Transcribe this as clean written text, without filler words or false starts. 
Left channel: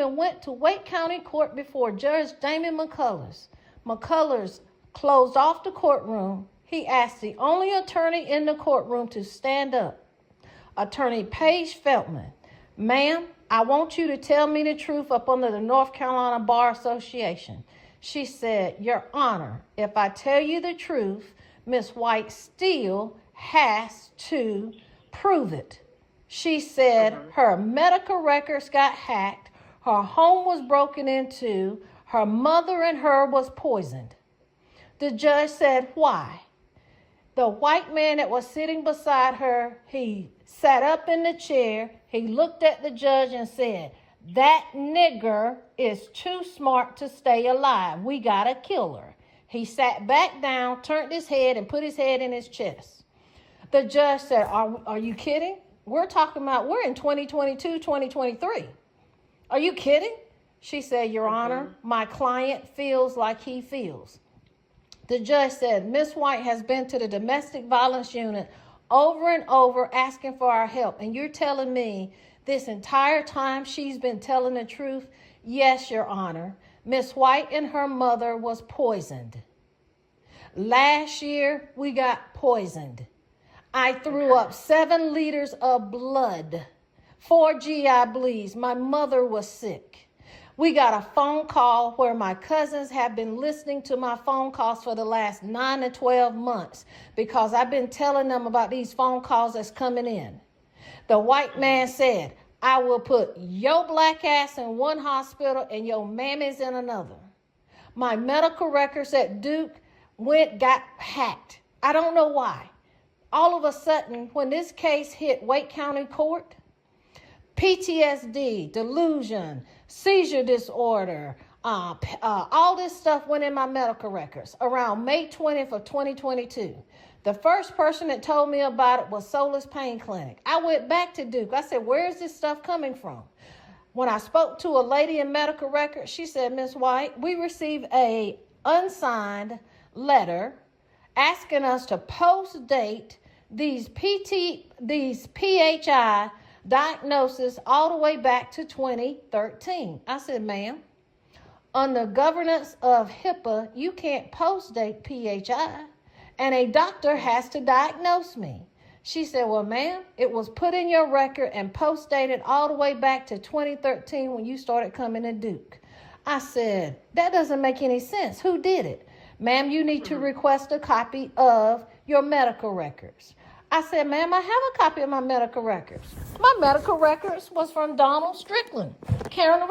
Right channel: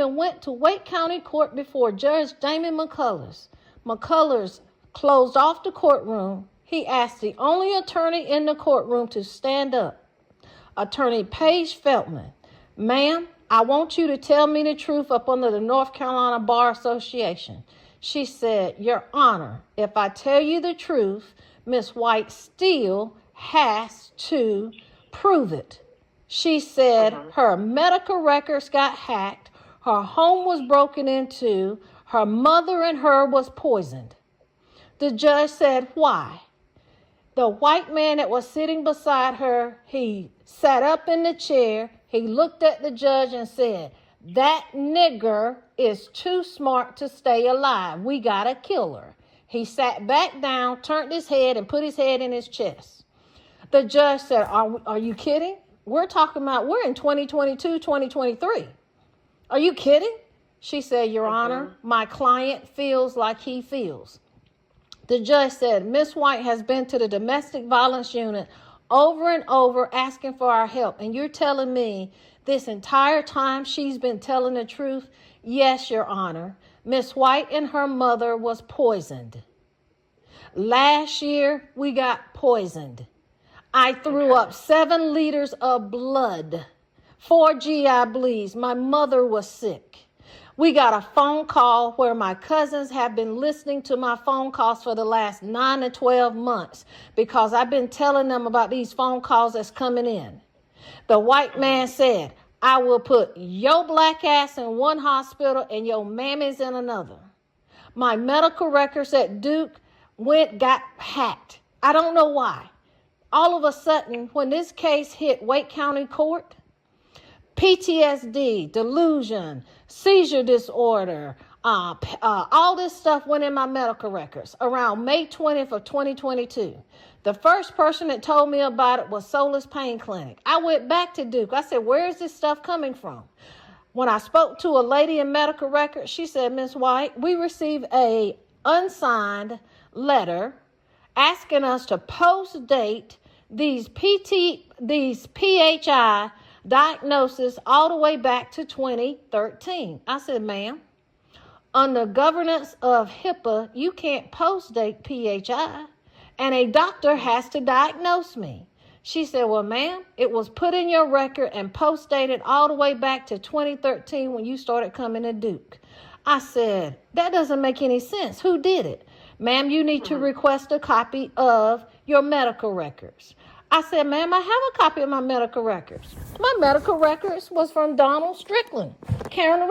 even went to Wake County Court before Judge Damon McCullers. McCullers closed off the courtroom. He asked the only attorney in the courtroom to stand up. Attorney Paige Feltman. Ma'am, I want you to tell me the truth up under the North Carolina Bar Association. She said, Your Honor, if I tell you the truth, Miss White still has to prove it. She said her medical records got hacked, her home was broken into, her mother and her was poisoned. The judge said, why? The white man that was sitting beside her, he sat up in the chair, he looked at the judge and said, that nigger is too smart to stay alive. We gotta kill her. He sat back down, turned his head, and put his head in his chest. The judge said, are you kidding? We're in 2022, 2023. Are you kidding? She said, Your Honor, my client feels like he feels. The judge said, Miss White has been to the domestic violence unit over and over asking for our help. And you're telling me this entire time she's been telling the truth? Yes, Your Honor. Miss White and her mother was poisoned. Last year, we got poisoned. I threw up 7 liters of blood, 4 GI bleeds. My mother was sick. We got a phone call where my cousins have been listening to my phone calls for the last 9 to 12 months because I've been telling them about these phone calls that's coming in. The white man said, I will put your black ass in one hospital and your mammy's in another. My medical records at Duke got hacked. I don't know why. All of a sudden, when this case hit Wake County Court, PTSD, delusion, seizure disorder, all this stuff went in my medical records around May 20th of 2022. The first person that told me about it was Solace Pain Clinic. I went back to Duke. I said, where is this stuff coming from? When I spoke to a lady in medical records, she said, Miss White, we received a unsigned letter asking us to post date these PHI diagnosis all the way back to 2013. I said, ma'am, under governance of HIPAA, you can't post date PHI, and a doctor has to diagnose me. She said, well, ma'am, it was put in your record and post dated all the way back to 2013 when you started coming to Duke. I said, that doesn't make any sense. Who did it? Ma'am, you need to request a copy of your medical records. I said, ma'am, I have a copy of my medical records. My medical records was from Donald Strickland, Karen